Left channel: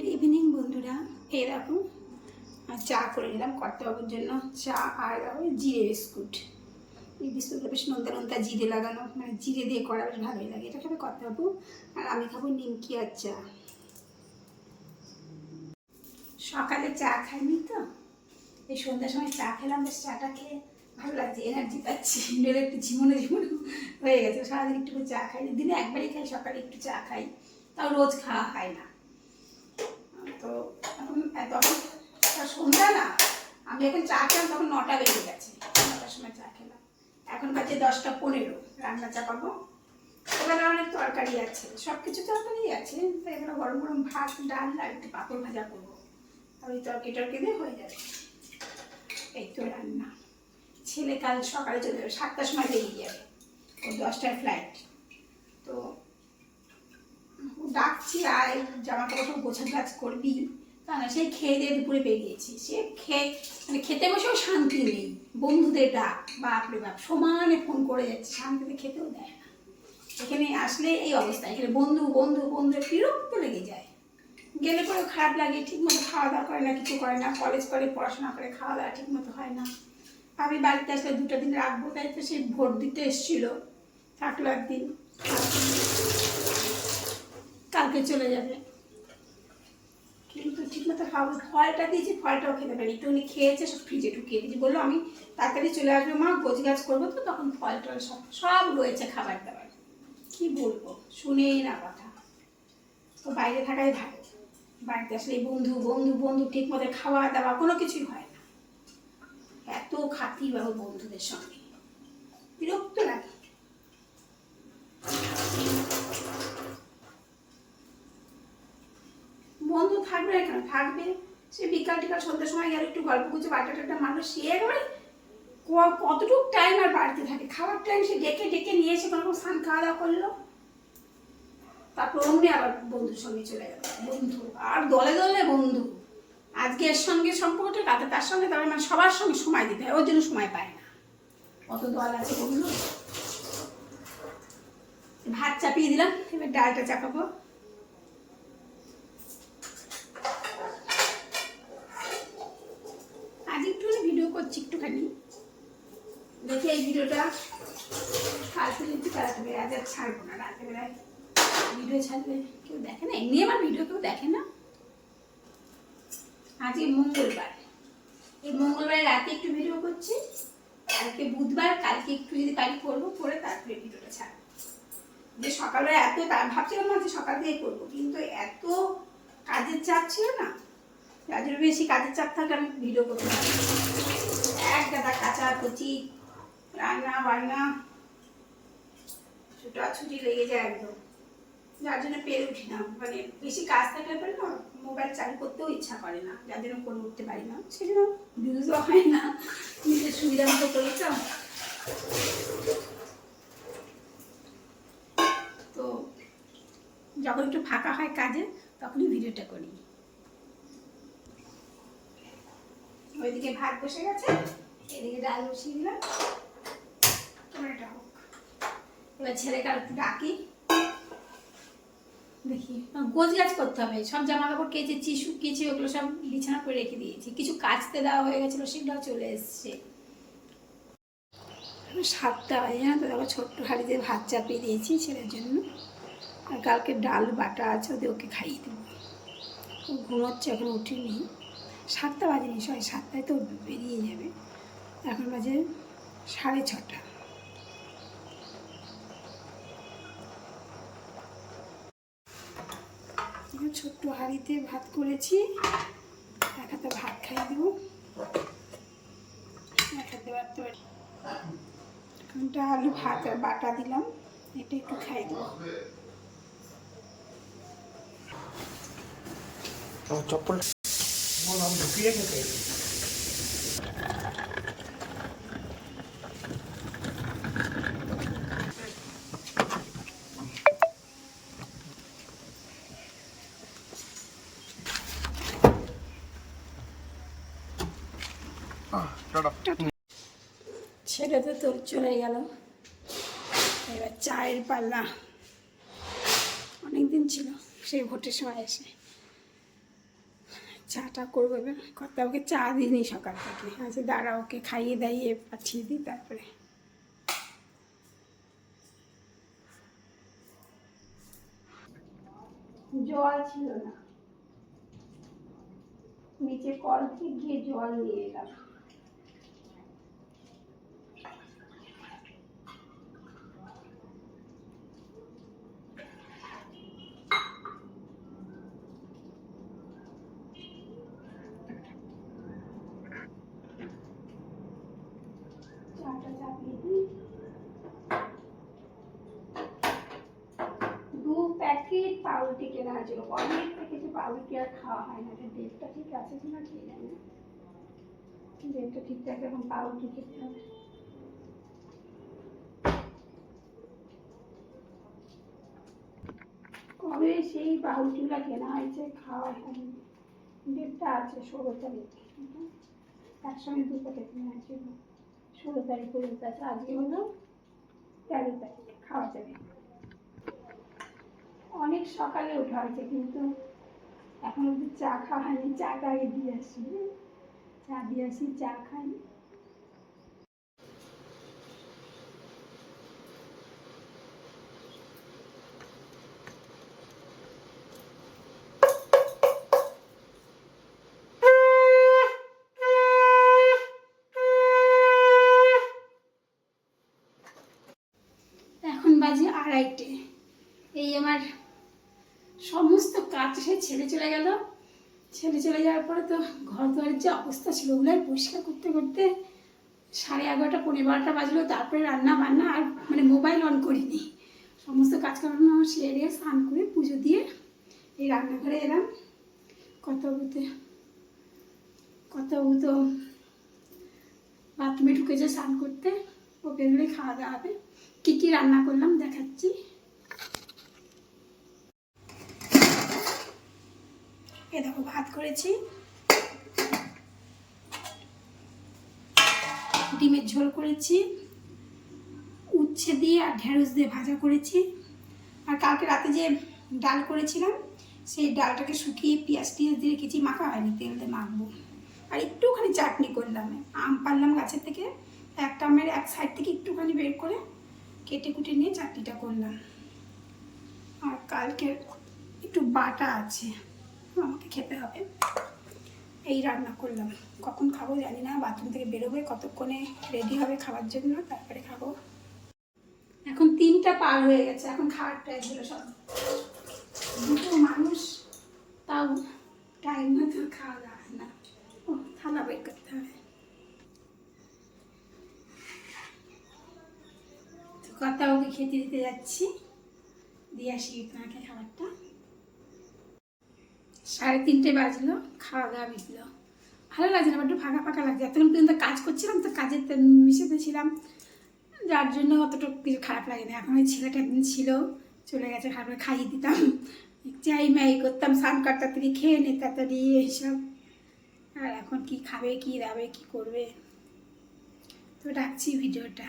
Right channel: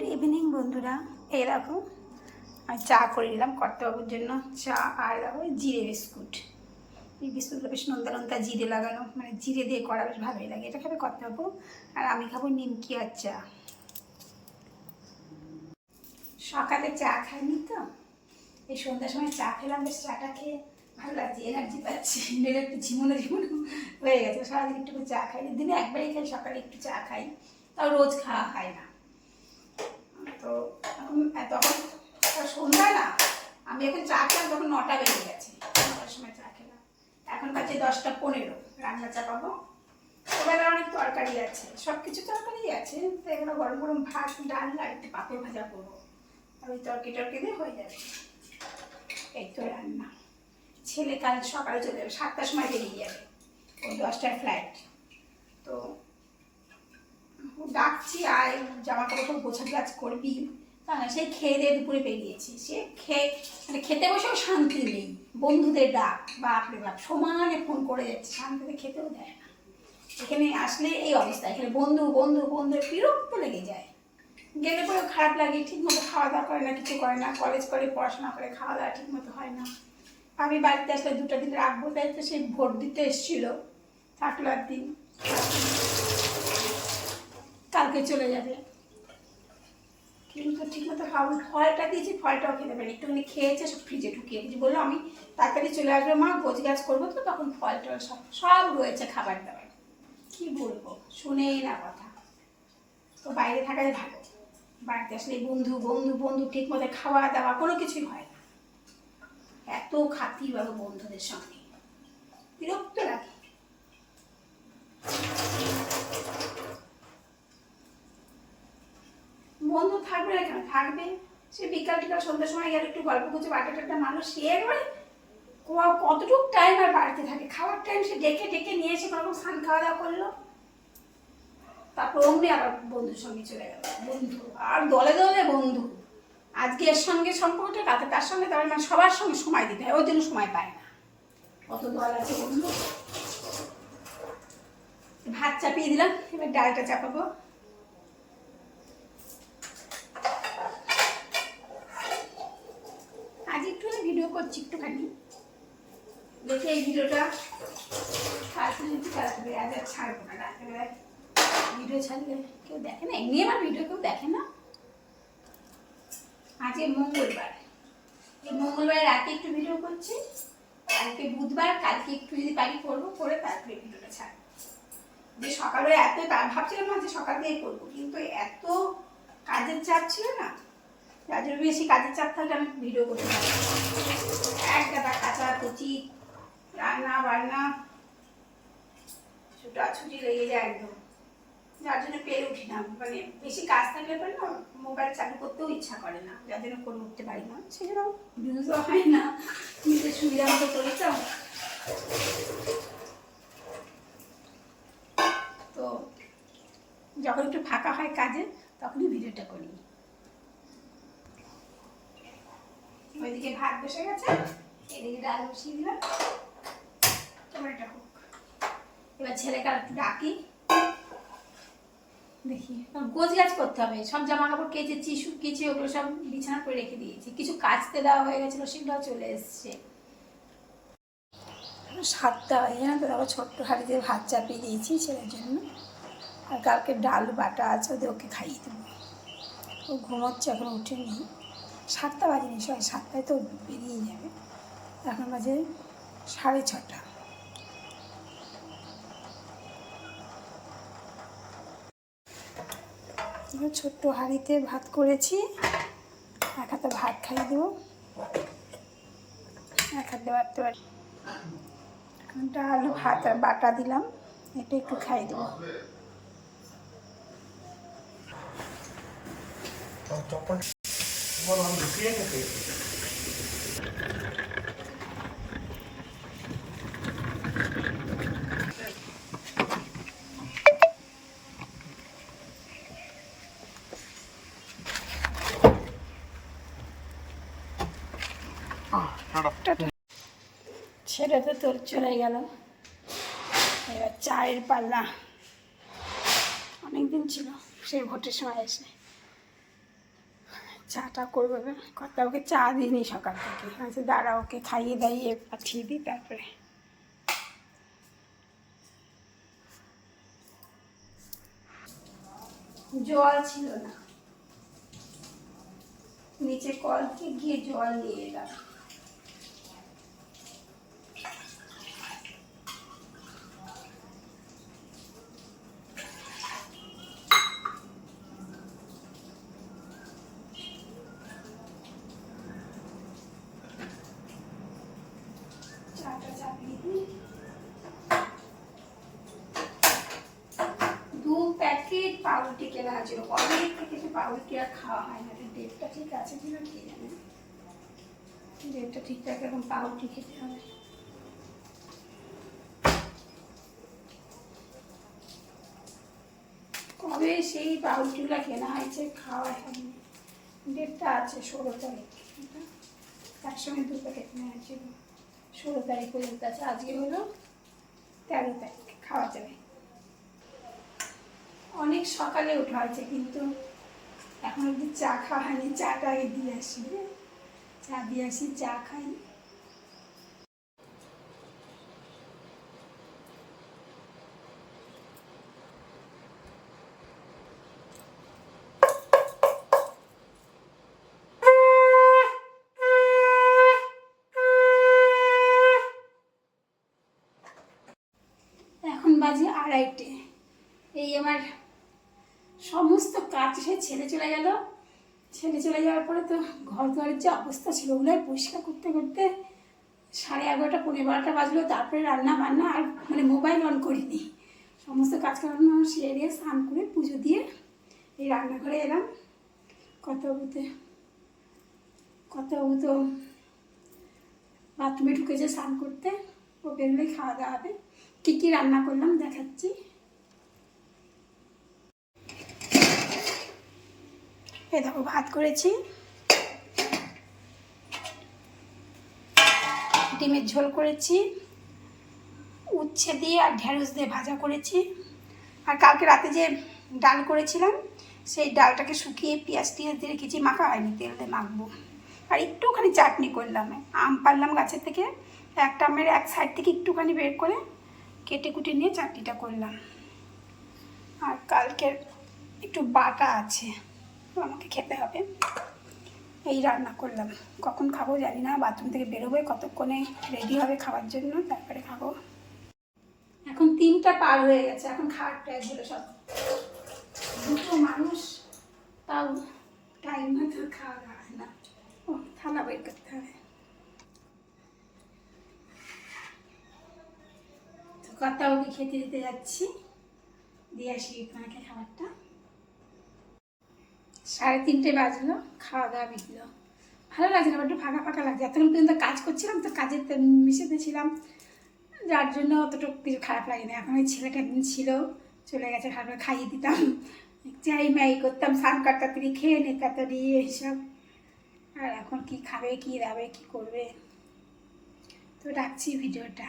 Good evening বন্ধুরা, এই দেখো আমি চা করে নিলাম কর্তাবাবুর জন্য। চা আর ওই জিরে বিস্কুট। এই বিস্কুটগুলো বেশ নোনতা নোনতা জিরে লাগানো, মানে জিরে দিয়ে করা, বেশ ভালোই লাগে। এটা খাবে কর্তাবাবু, আর আমি খাবো নিমকি আর চা। সকালে চা খাইনি তো, এই সন্ধ্যার সময় চা খেলাম, বেশ চাটা খেয়ে ভালো লাগছে, এনার্জি পাচ্ছি। নইলে একটু ঝিমুনো ঝিমুনো হয়ে গেছে। সারাদিন একটু চা খাইনি, দিনে একবারই খাই, সকালে একটু চা খাই, তাও রোজ খাওয়া হয় না। তো এখন তখন সন্ধ্যা না, আমি এখন চা খেলাম তখন 9টা বেজে গেছে, 9টার সময় চা খেলাম। এখন বাজে 10টা 15, রান্না চাপাবো। এবার অনেক তরকারি আছে, সব কিছু তরকারি আছে, তো এগুলো গরম গরম ভাত, ডাল আর একটু পাঁপড় ভাজা করবো, আর ওই তরকারি টরকারি দিয়ে হয়ে যাবে। এই তো রান্না। ছেলে কাল সকালে চলে যাবে, 7টার সময় বেরিয়ে যাবে, ও 10টার ফ্লাইট। তো ডাকছি আয়, জামা কাপড় সব গোছা গাছ করবি, তা না, সেই খেয়ে দিয়ে দুপুরে বেরিয়েছি। সে মানে খেতে বসেও শান্তি নেই, বন্ধুদের ডাক, বাপরে বাপ, সমানে ফোন করে যাচ্ছে, শান্তিতে খেতেও দেয় না। এখানে আসলে এই অবস্থা, এখানে বন্ধু বন্ধু বন্ধু, বিরক্ত লেগে যায়। গেলে পরেও খারাপ লাগে, ঠিকমতো খাওয়া দাওয়া করে না, কিছু করে না, কলেজ করে পড়াশোনা করে, খাওয়া দাওয়া ঠিকমতো হয় না। আমি বাড়িতে আসলে 2টা দিন রাখবো, তাই তো সে ভোট দিতে এসেছিল, থাকলো একদিন, কালকে চলে যাবে। কিন্তু ঠিকমতো খাওয়া, ফলটা দিয়েছি, ফলটাও খেতে পারি, একটুখানি খেয়েছে, সব ফ্রিজে ঢুকিয়ে দিয়েছি। বললো আমি তাড়াতাড়ি চলে আসবে মা, গোছ গাছ করবো, তো তখন ফল টল সব সব রয়েছে খাবার দাবার। কি বলবো, শুনেই না কথা। তো বাইরে থাকাই ভালো, বাড়িতে আসলে বন্ধু বন্ধু বন্ধু, ঠিক মতো খাওয়া দাওয়া কোনো কিছুই হয় না। এত খাতির বাবু বন্ধুদের সঙ্গে, বিরক্ত লাগে। বন্ধু থাকবে না কেন, থাকবে। সে বিকাল টিকাল সন্ধ্যার সময় গেলে একটু গল্প করছে, বাটা টাটা মানুষ, সে একবারে কতটুকু টাইম আর বাড়িতে থাকে, খাওয়ার টাইম সে ডেকে ডেকে নিয়ে এসে কোনো স্নান খাওয়া দাওয়া করলো, তারপর অমনি আবার বন্ধুর সঙ্গে চলে গেল। বন্ধু আর দলে দলে বন্ধু, আজকে এর সঙ্গে সম্পর্কটা কাটে, তার সঙ্গে তবে মানে সবার সঙ্গে সময় দিতে হয়, ওর জন্য সময় পায় না, অত দল আছে বন্ধু। ভাত চাপিয়ে দিলাম, এবার ডালটা চাপাবো। আজ একটুখানি ভিডিও করছি, একটুখানি দেখে এই ভিডিওটা কালকে যদি তাড়াতাড়ি, আজ আর ছাড়বো না, রাত্রেবেলায় ভিডিও ছাড়লে কেউ দেখে না, এমনি আমার ভিডিও কেউ দেখে না। আজকে মঙ্গলবার, এই মঙ্গলবার রাতে একটু ভিডিও করছি, কালকে বুধবার, কালকে একটু যদি পারি করবো, করে তারপরে ভিডিওটা ছাড়বো। যে সকালবেলা এত ভাবছিলাম না যে সকাল দিয়েই করবো, কিন্তু এত কাজের চাপ ছিল না, যাদের বেশি কাজের চাপ থাকলে আমি ভিডিও করতে পারি, এক গাদা কাচাকুচি, রান্না বান্না, ছুটাছুটি লেগে যায় একদম, যার জন্য পেরে উঠি না। মানে বেশি কাজ থাকলে পরে না, মোবাইল চালু করতেও ইচ্ছা করে না, যার জন্য করে উঠতে পারি না, সেজন্য ভিউজও হয় না, নিজের সুবিধা মতো চলেছে। তো যখন একটু ফাঁকা হয় কাজে, তখনই ভিডিওটা করি। ওইদিকে ভাত বসে গেছে, এদিকে ডাল বসিয়ে দিলাম, তোমার এটা হোক। এবার ছেলেকে আর একটু ডাকি, দেখি গোছ গাছ করতে হবে, সব জামা কাপড় কেচেছি, শুকিয়েছি, ওগুলো সব বিছানা করে রেখে দিয়েছি, কিছু কাচতে দেওয়া হয়ে গেছিলো, সেগুলোও চলে এসছে। 7টা বাজে না তো, তারপর ছোট্ট হাঁড়িতে ভাত চাপিয়ে দিয়েছি ছেলের জন্য, আর কালকে ডাল বাটা আছে, ওদের ওকে খাইয়ে দেবো। ও ঘুমোচ্ছে, এখন উঠেনি। 7টা বাজেনি, 7টায় তো বেরিয়ে যাবে, এখন বাজে 6:30। ছোট্ট হাঁড়িতে ভাত করেছি, এক হাতে ভাত খাইয়ে দেবো, এক হাতে বাড়তে পারি। এখন ডাল ভাত আর বাটা দিলাম, এটা একটু খাইয়ে দেবো। ছেলে তো তোর চলে গেল, এবার চায়ের পাল্লা, অনেকদিন ছিল সেই ভোটের সময় এসে। চাটা করবো এবার। কথা ওকে চা দিইনি সকাল থেকে, আচ্ছা দাঁড়া ওকে খাইয়ে দাইয়ে পাঠিয়ে দিই তারপরে। জল ছিল না, নিচে কল থেকে গিয়ে জল নিয়ে এলাম। চাটা চাপিয়ে দিই। 2 প্যাকেট পাউরুটি কেনা হয়েছিল, অনেক প্যাকেটে পাউরুটি আর খাওয়া হয় না। ডেটটা ঠিক আছে কিনা কে জানে, ডেটটা ঠিকঠাক এখন পাউরুটি খেতে হবে। কবে সেই পাউরুটিগুলো কেনা হয়েছে, খাওয়া হয়নি। ডেটটা আছে 16 তারিখ, একসঙ্গে 2 প্যাকেট নেওয়া হয়েছিল। 16 তারিখ পর্যন্ত আছে, আজকে হলো 13 তারিখ, খাওয়া যাবে। অনেক সকালে ওঠা হয়েছে কিন্তু এখন অব্দি চা খাওয়া হয়নি। চাটা আগে দিয়ে আসি, চা দিয়ে আসি, চা খাই। এখন বাজে 2:30। এই আমার সমস্ত কাজ সে ছেলে চলে গেল। ছেলে চলে যাওয়ার পরে তো ঘর দুয়ারের যে অবস্থা ছিল ওগুলো পরিষ্কার করতে করতে 11:30 পৌনে 12টা বাজলো। তারপরে রান্না বান্না, আর মানে মোবাইল অন করিনি। সমস্ত কাজকর্ম সেরে স্নান করে পুজো দিয়ে এই রান্নাঘরে এলাম। কত বাথরুমে ঢুকেছে স্নান করতে, ও বেরোলেই খাওয়া দাওয়া হবে। কী কী রান্না করলাম দেখাচ্ছি। এই দেখো ভাত করেছি, ডিমের ঝোল করেছি, উচ্ছে দিয়ে আর ঢেঁড়স দিয়ে ভাজা করেছি। আর কালকে রাতে যে ডাল করেছিলাম সেই ডালটাকে শুকিয়ে পেঁয়াজ টিয়াজ দিয়ে রেখেছি, মাখা হয়নি, তেল দিয়ে মাখবো। আর একটুখানি চাটনি করলাম, আম পারলাম গাছের থেকে, একটা আমের এক সাইড থেকে একটুখানি বের করে কেটে কুটে নিয়ে চাটনিটা করলাম। আর কালকের একটু বাটা আছে, আমাকে খেতে হবে। এই রান্না করলাম, কখন খাবো জানি না। বাথরুম থেকে বেরোবে, কতক্ষণে রেডি হবে খাওয়ার জন্য, তারপরে খাবো। এখন 3টা পার হয়ে গেছে, এখন খাওয়ার টাইম হলো। সব 2টো মানুষ, তাও টাইম মতো খাওয়া দাওয়া হয় না। ও থালা বের করতে হবে। তো কথা ওকে খেতে দিতে যাচ্ছি, দিয়ে আসি তোমাকে খাবারটা। 3:30 বাজলো, খাওয়া দাওয়া মিটলো। ভালো লাগছে না, একটু ফাঁকা ফাঁকা লাগছে। এতক্ষণ পর্যন্ত কাজ করছিলাম তো, কাজের মিশেতে ছিলাম, যার জন্য অতটুকু কিছু খারাপ লাগে না। এখন ওই ছেলেটা একদিন ছিল, চলে গেছে, খাবার খাইয়ে দিতাম, চাই ম্যাই করতাম, স্নান কাট তাড়াতাড়ি খেয়ে নে তাড়াতাড়ি এইসব। আর এখন কি খাবে, কি দাবে, কি করবে। তো রাখছি ভিডিওটা।